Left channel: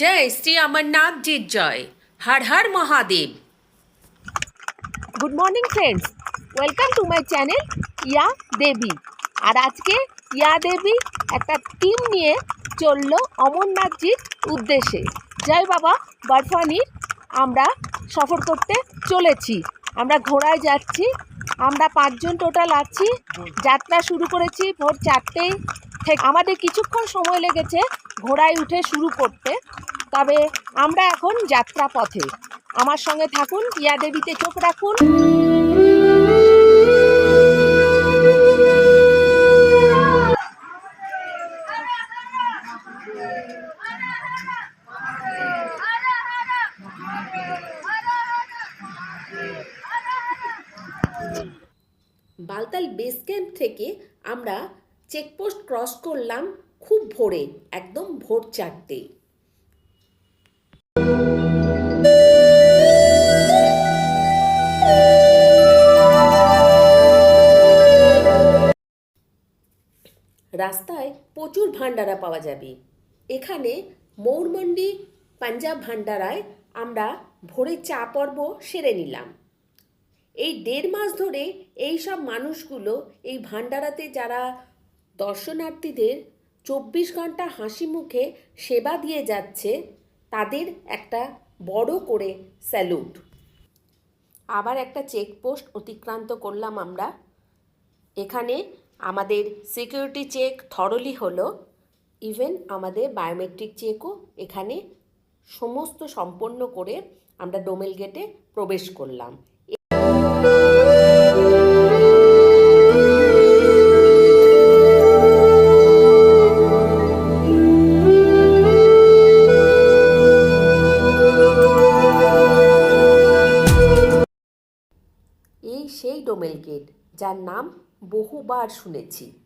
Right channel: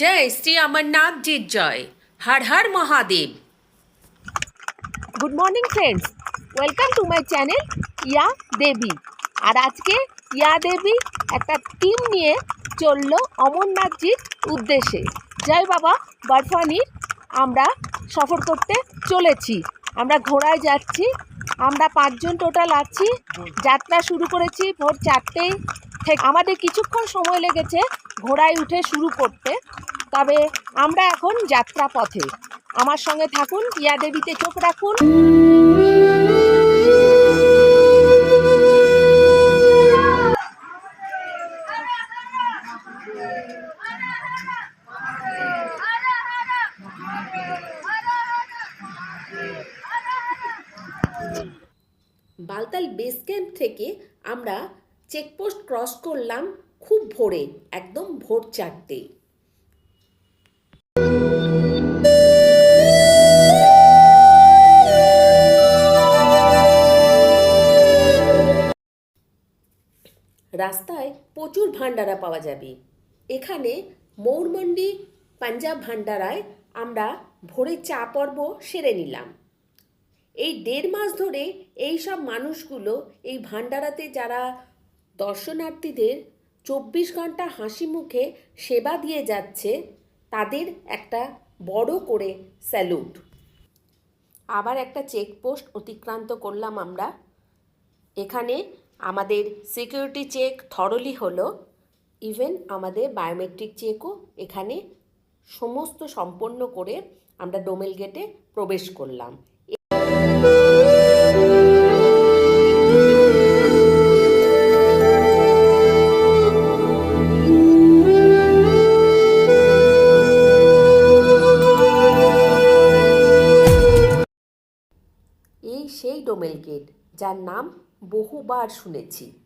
জয় শ্রী অমরনাথ জির জয়। Har Har Mahadev. Good morning friends welcome to my channel Ya Devi আর আজকে ইয়া দেবী একটা team নিয়ে চলল অমরনাথজির উদ্দেশ্যে। জয় বাবা, বরফানির আমরা সফর করতে চলেছি। আমরা ঘোড়ায় যাচ্ছি, আমরা পাঁচজন টোটাল আছি, যাত্রা শুরু করেছি ভোর চারটেই আমাদের কিছুক্ষণ সময় লেগেছে ঘোড়ায় উঠে শুরু করতে। তবে আমরা এখন যাত্রা পথে আমার সঙ্গে থাকুন ইয়া দেবীতে চোখ রাখুন। বালতাল বেস ক্যাম্প থেকে আমরা চেকপোস্ট ক্রস করলাম খুব ভোরে, একদম ভোর চারটে। রাস্তায় প্রচুর ভান্ডারা পাওয়া যাবে। এখানে মৌরমন্ডি, পাঞ্জাব ভান্ডারায় আমরা ভোরে চা পর্ব সেরে নিলাম। এই দেড় মাস ধরে এই সব মানুষগুলো, এই ভান্ডারাতে যারা দর্শনার্থীদের চব্বিশ ঘণ্টা হাসি মুখে সেবা দিয়ে যাচ্ছে, তাদের একটা বড় করে স্যালুট। আবার একটা চেকপোস্ট অতিক্রান্ত করলাম আমরা। এখানে আমাদের সিকিউরিটি চেক থরলি হলো ইভেন আমাদের বায়োমেট্রিক চেকও এখানে সমস্ত সম্পন্ন করে আমরা ডোমেল গেটে প্রবেশ করলাম। যার নাম বহুবার শুনেছি।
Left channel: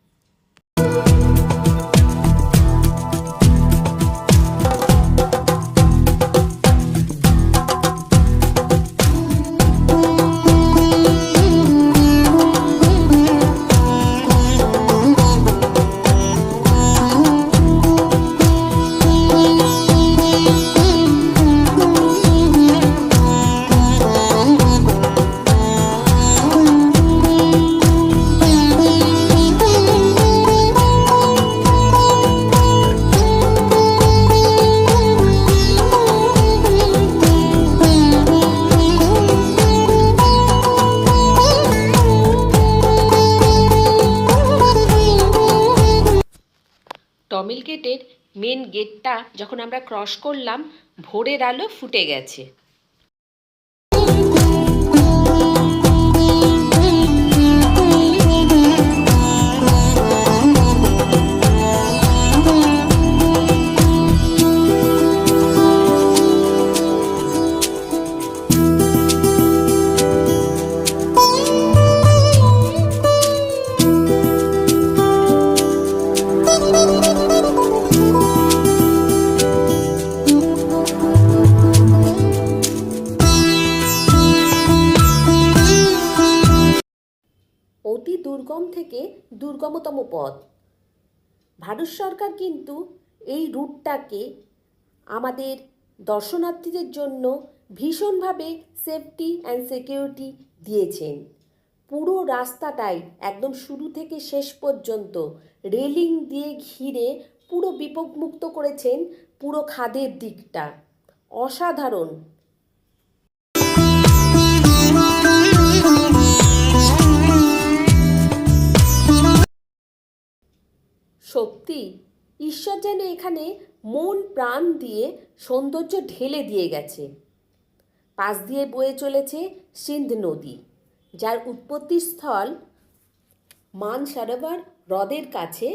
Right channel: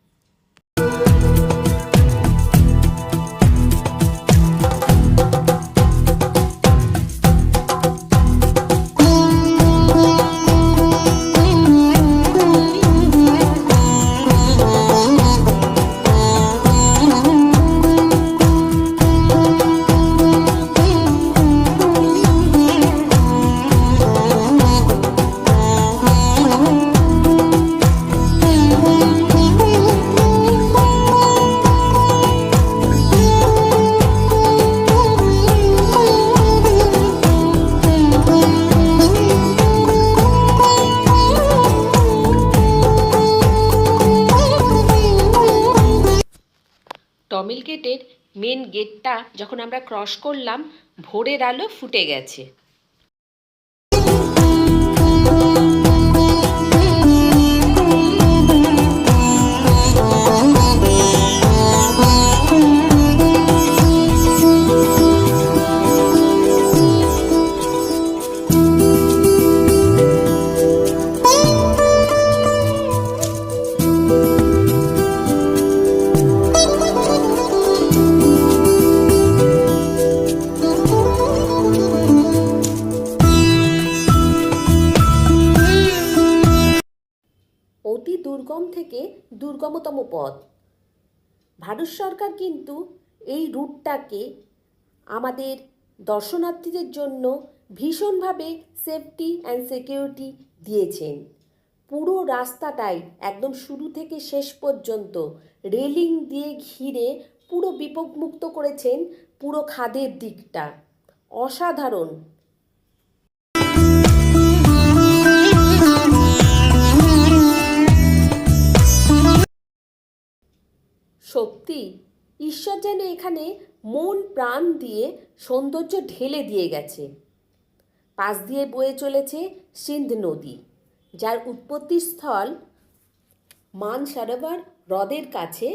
টমিল গেটের মেন গেটটা যখন আমরা ক্রস করলাম ভোরের আলো ফুটে গেছে। দুর্গমতম পথ। ভারত সরকার কিন্তু এই রুটটাকে আমাদের দর্শনার্থীদের জন্য ভীষণভাবে সেফটি অ্যান্ড সিকিউরিটি দিয়েছেন। পুরো রাস্তাটাই একদম শুরু থেকে শেষ পর্যন্ত রেলিং দিয়ে ঘিরে পুরো বিপদমুক্ত করেছেন পুরো খাদের দিকটা। অসাধারণ যেন এখানে মন প্রাণ দিয়ে সৌন্দর্য ঢেলে দিয়ে গেছে। পাশ দিয়ে বয়ে চলেছে সিন্ধ নদী, যার উৎপত্তিস্থল মান সরোবর হ্রদের কাছে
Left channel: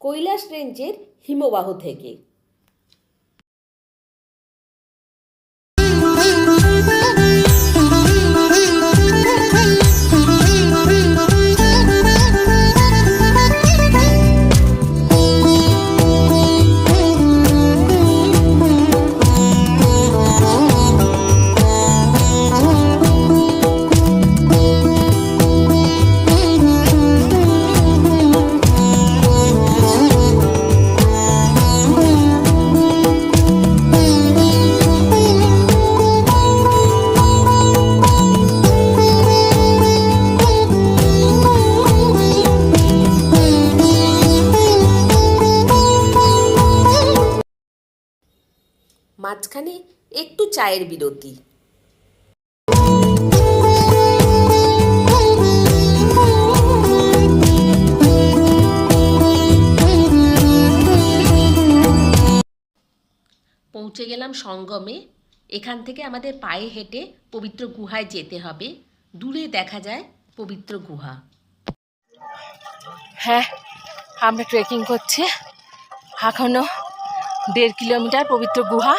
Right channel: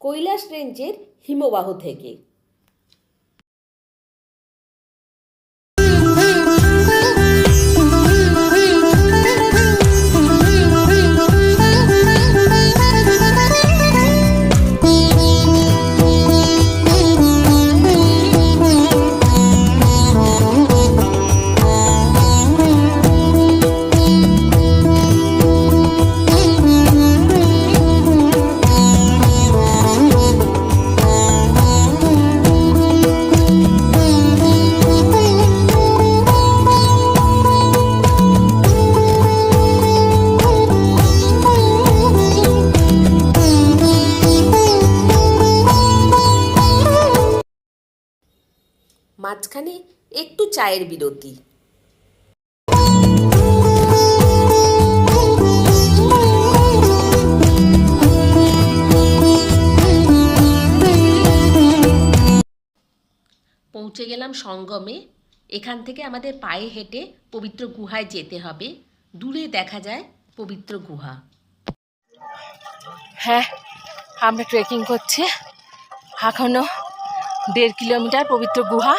কৈলাস রেঞ্জের হিমবাহ থেকে। চায়ের বিরতি। পৌঁছে গেলাম সঙ্গমে। এখান থেকে আমাদের পায়ে হেঁটে পবিত্র গুহায় যেতে হবে। দূরে দেখা যায় পবিত্র গুহা। হ্যাঁ আমরা ট্রেকিং করছি। এখনও দেড় কিলোমিটার পবিত্র গুহা।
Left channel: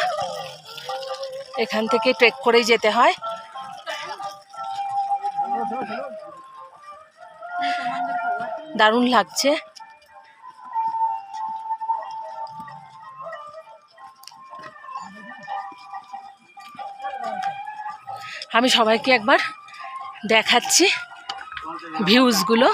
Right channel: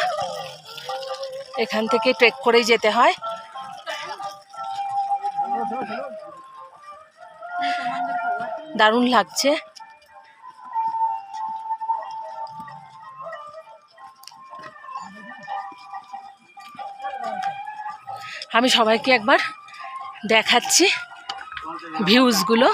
এখান থেকে ট্রেক করেই যেতে হয়। দারুণ লাগছে। আমি সবাইকে একবার দেখাচ্ছি ভিউজগুলো।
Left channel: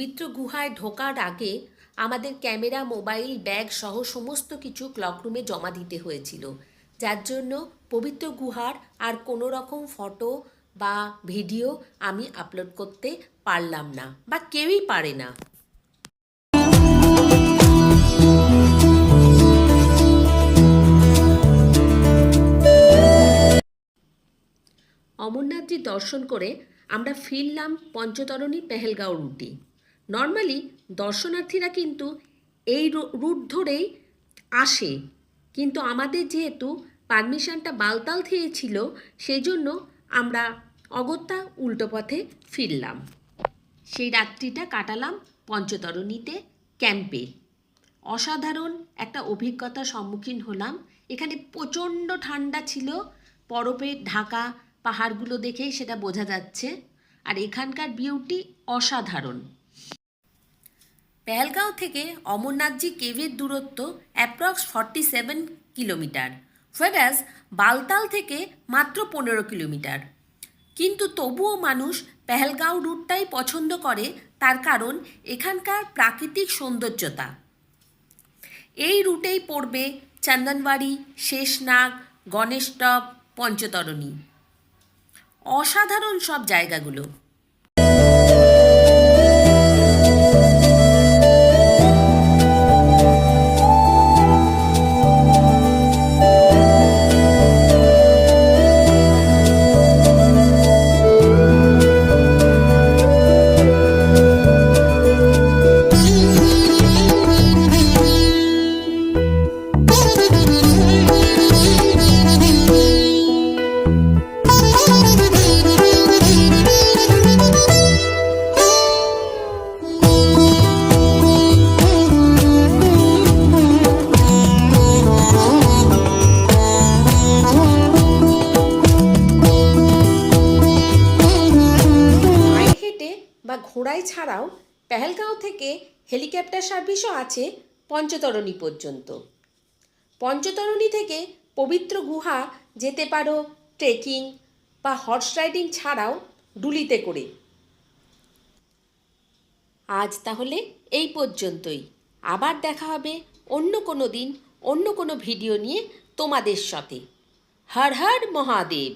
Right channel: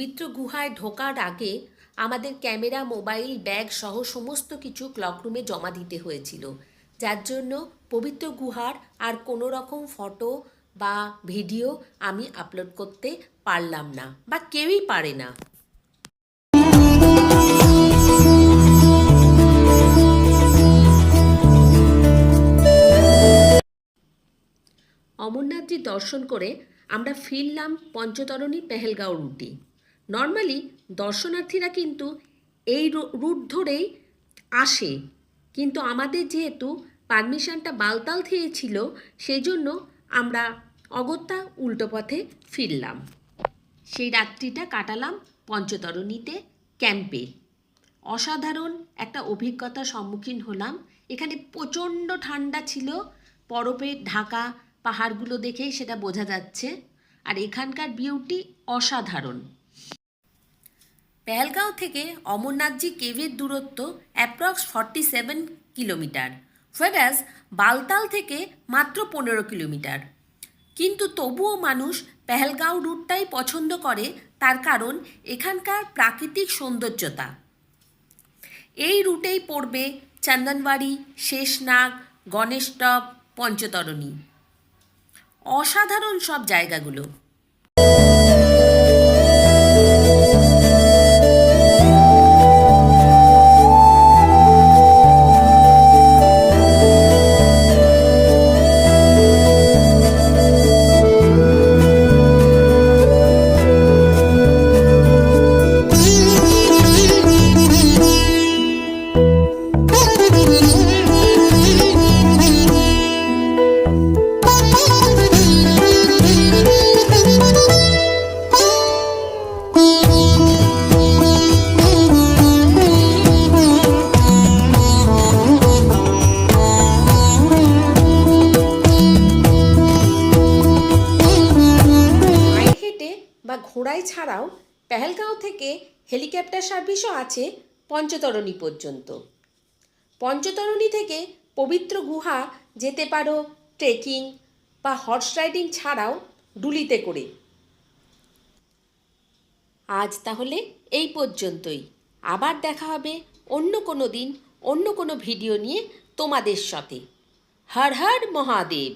পবিত্র গুহায় ঢোকার আগে আমাদের ক্যামেরা, মোবাইল, ব্যাগ সহ সমস্ত কিছু ক্লকরুমে জমা দিতে হয়েছিল। যার জন্য পবিত্র গুহার আর কোনো রকম ফটো বা ভিডিও আমি আপলোড করতে পারলাম না বা কেউই পারে না। অমরনাথজি দর্শন করে আমরা ফিরলাম পঞ্চতরণী পেহেলগাঁও রুটে। নর্মালি দর্শনার্থীরা কিন্তু এই রুট ধরেই আসে। কিন্তু আমাদের যেহেতু পারমিশনটা বালতাল থেকে ছিল সেই জন্য আমরা অগত্যা উল্টো পথে ফিরলাম। সেই রাত্রিটা কাটালাম পঞ্চতরণীতে, ক্যাম্পে। অসাধারণ একটা অভিজ্ঞতার সম্মুখীন হলাম। এখানে প্রচণ্ড ঠান্ডা ছিল বরফের ঢাকা পাহাড়গুলো দেখেই সেটা বোঝা যাচ্ছে। আর এখানকার বিউটি অসাধারণ। পেহেলগাঁও থেকে অমরনাথজি কেভের দূরত্ব অ্যাপ্রক্স ফর্টি সেভেন কিলোমিটার ফেরাজ বালতাল থেকে মাত্র পনেরো কিলোমিটার। কিন্তু তবুও মানুষ পেহেলগাঁও রুটটাই পছন্দ করে তার কারণ এখানকার প্রাকৃতিক সৌন্দর্যতা। এই রুটেই পড়বে চন্দনবাড়ি শেষনাগ, গণেশটপ, পঞ্চতরণী। অসাধারণ সব জায়গাগুলো। ঘোড়ায় ছাড়াও পেহেলগাঁও থেকে হেলিকপ্টার সার্ভিসও আছে পঞ্চতরণী পর্যন্ত। পঞ্চতরণী থেকে পবিত্র গুহা যেতে পারো ট্রেকিং বা হর্স রাইডিং ছাড়াও ডুলিতে করে। আজ তাহলে এই পর্যন্তই। আবার দেখা হবে অন্য কোনো দিন, অন্য কোনো ভিডিও নিয়ে তোমাদের সাথে। হর হর মহাদেব।